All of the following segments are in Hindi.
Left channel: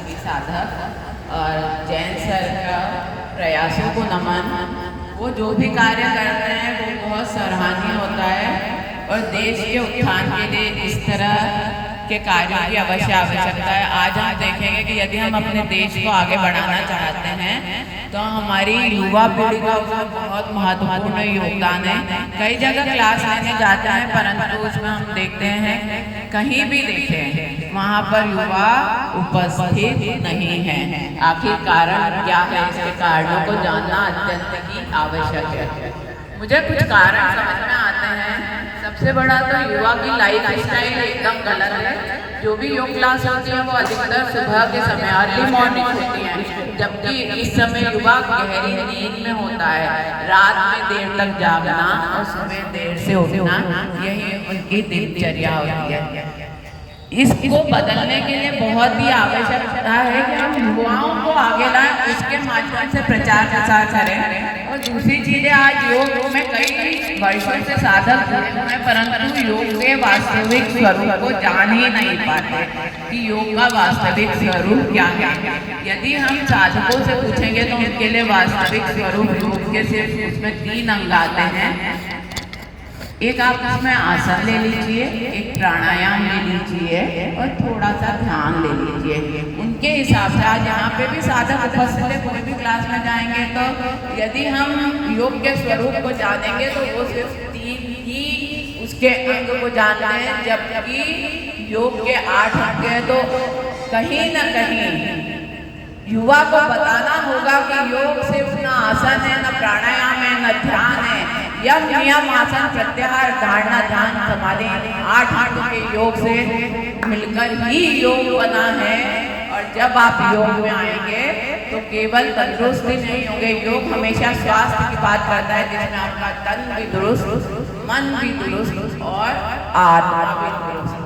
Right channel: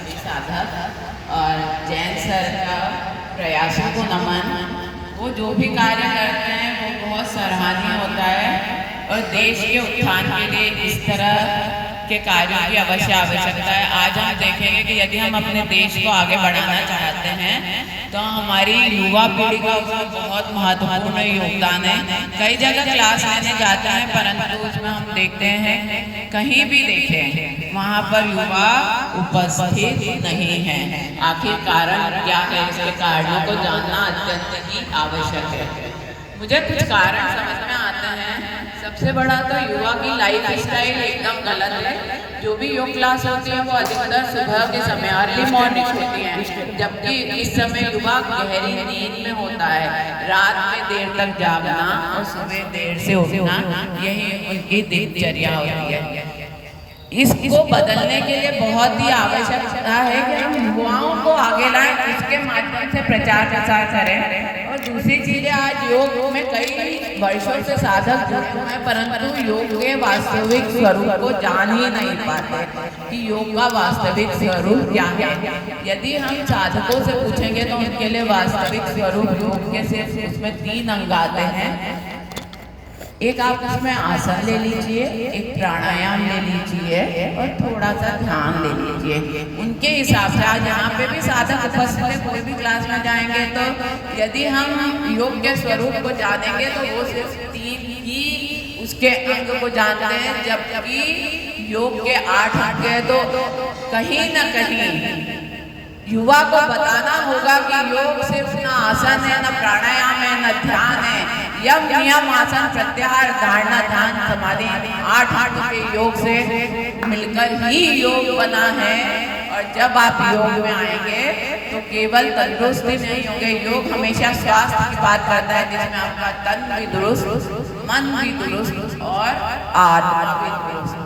सभी साधक और जैन सर का प्रयासों को नमन। वो जो भी कार्य करते हैं वो बहुत सराहनीय होता है और देश के उत्थान के लिए इस तरह के कार्यों की आवश्यकता है। आज हम देखेंगे कि यदि हम अपने देश को आगे बढ़ाना चाहते हैं तो हमारी युवा पीढ़ी का उसमें बहुत महत्वपूर्ण योगदान है। कई जगह क्लास लेने जाते हैं परंतु उसमें हम देखते हैं कहीं भी देखें वहाँ पर युवा उपस्थित नहीं है। आखिर कारण क्या है? इसके कारणों को जानना अत्यंत ही आवश्यक है। मुझे कुछ कारण समझ में आते हैं। सबसे बड़ा तो युवा की लाइफ स्टाइल एकदम गलत है। जो भी योग क्लास होती है वो अधिकतर सुबह के समय अर्ली मॉर्निंग होती है, जबकि इस समय युवा गहरी नींद में होता है। रात में देर तक जागना और सुबह देर से उठना यही उनकी दिनचर्या होती है। इसको बदलने के लिए बहुत ही आवश्यकता है कि हम युवाओं को आगे लाएं, इसके माध्यम से प्रचार प्रसार करें। और दूसरी चीजें, आज योग में कई वर्षों से साधक जुड़े हुए हैं परंतु योग के वास्तविक स्वरूप को जान ही नहीं पाते कि योग का वास्तविक स्वरूप क्या है। यदि हम साधकों से पूछेंगे तो उनके लिए वास्तविक स्वरूप योग के सिर्फ उसमें 3 अंग आते हैं। एक आप उसमें आसन ले लीजिए, एक प्राणायाम ले लीजिए और थोड़ा सा ध्यान ले लीजिए। उनके हिसाब से आज यहाँ पे भी साधक उपस्थित है, कोई भी क्लास में जाएंगे तो यदि हम योग के स्वरूप को जानेंगे तो वो सिर्फ 3 ही उसके अंग को जानते हैं, जबकि योग के 8 अंग है। तो कहीं ना कहीं युवा को बताना होगा कि योग सिर्फ न आसन है, न प्राणायाम है, न ध्यान है। यम नियम आसन प्रत्याहार धारणा ध्यान समाधि 8 अंग के योग से मिलकर ही योग बना है। और जब आप योग में आएंगे तो केवल तंदुरुस्ती नहीं होंगे। योग हमेशा स्वास्थ्य की बात करता है, जिसमें आपका तन भी दुरुस्त, मन भी दुरुस्त और आत्मा भी दुरुस्त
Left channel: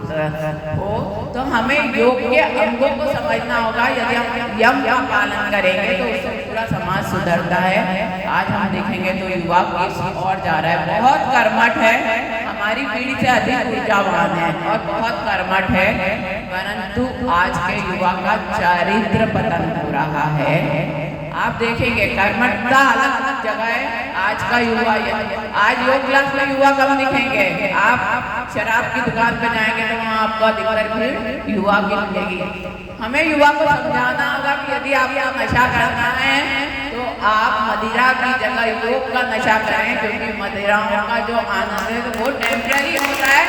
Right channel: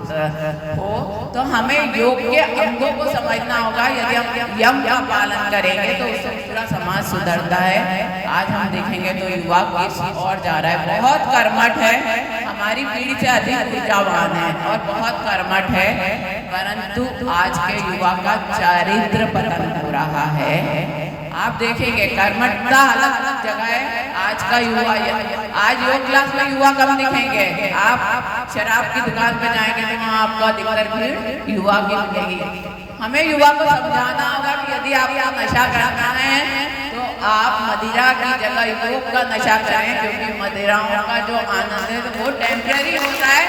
हो। तो हमें योग के अंगों को समझना होगा। यदि हम यम का पालन करेंगे तो उससे पूरा समाज सुधरता है। आज हम देखेंगे तो युवा किस और जा रहा है, बहुत कर्मठ है, हमारी पीढ़ी से अधिक ऊर्जावान है और बहुत कर्मठ है, परंतु आज के युवा का चारित्र पतन हो रहा है। आप देखेंगे कर्मठता अलग अलग जगह है। आज का युवा, आज योग क्लास में युवा कम दिखेंगे। आप शराब की दुकान पे जाएंगे तो वहाँ आपको अधिकतर भीड़ युवा की मिलेगी। हमें युवा को समझाना होगा कि यदि आपको नशा करना है तो आप मदिरा की जगह योग का नशा करें, क्योंकि मदिराओं का जो आनंद है वो टेम्पररी होता है,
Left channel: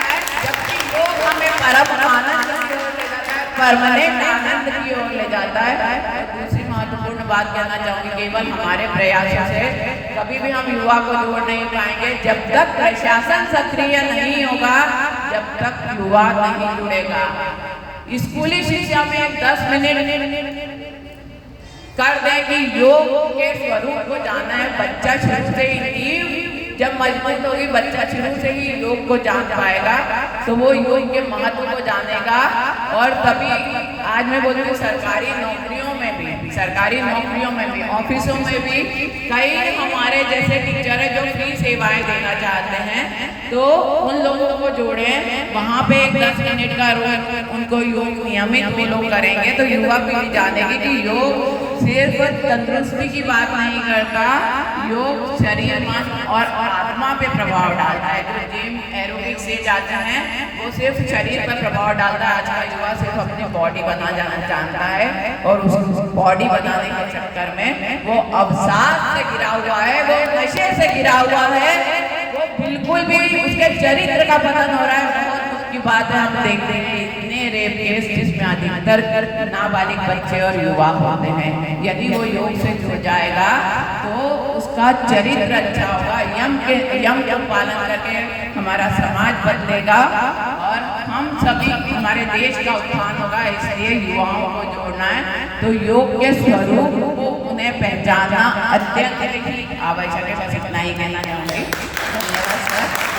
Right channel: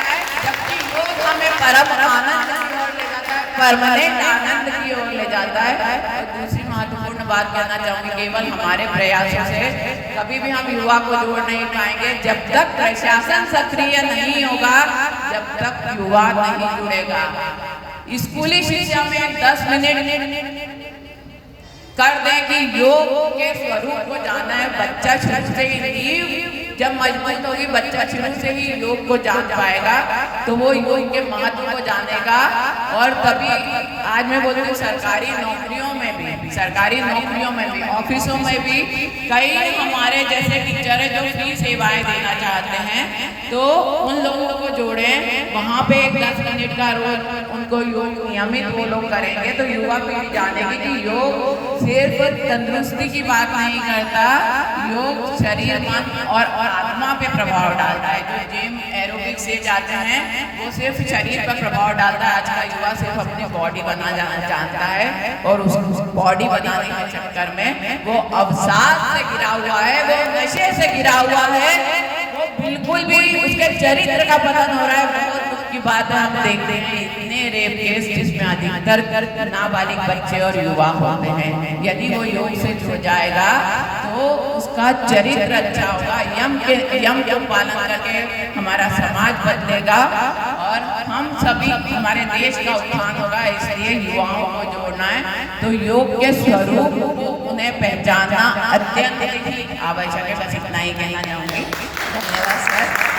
जबकि योग हमें परम आनंद की ओर ले जाता है, परमानेंट आनंद की ओर ले जाता है। और दूसरी महत्वपूर्ण बात कहना चाहूँगी, केवल हमारे प्रयासों से कभी भी हम युवा को जोड़ नहीं पाएंगे। जब तक प्रशासन सक्रिय नहीं होगा, जब तक युवा नहीं जुड़ेगा। स्कूली शिक्षा में 10 मिनट कर दें कि योग के स्वरूप को जाना है। बच्चा शुरू से ही नींव जब मजबूत होगी, बच्चा शुरू से ही योग को जान पाएगा तो वो योग के महत्व को जानेगा। और तभी आज मैं बोलती हूँ सरकारी नौकरियों में भी ऑफिसों में भी कई हमारे जैसे टीचर है जो फ्री सेवाएं देना चाहते हैं, तो उन लोगों को जोड़े। वहाँ पे 10 मिनट का रोज उनको योग नियमित वो लोग करेंगे तो युवा पीढ़ी जानेगी कि योग सिर्फ तंदुरुस्ती की बात नहीं करता, योग शरीर, मन और आत्मा पे प्रभाव डालता है। जो जिम एरोबिक्स से जाते हैं वो सिर्फ शरीर पर प्रभाव डालता है। आज का युवा सिर्फ अपनी बॉडी बना जाना चाहता है और उस बॉडी बनाने के चक्कर में वो अवसाद से गिरा हुआ है, वो नशे से गिरा हुआ है, वो बिल्कुल भी उसके चरित्र का पतन हो रहा है। बहुत दुख की बात है, हम देखते हैं इतने रेप केस जिसमें अधिकतर नाबालिग बच्चे और युवा होते हैं। यदि वो योग से जुड़ जाएगा तो उसका चरित्र अच्छा होगा। यम का पालन करके हमारा समाज बदलेगा और हम सभी, हमारे देश का उत्थान होगा। इसलिए युवाओं को जोड़ना है तो योग के स्वरूप को उन्हें पहचानना अत्यंत ही आवश्यक है। बस इतना ही कहना चाहूँगी। धन्यवाद सर।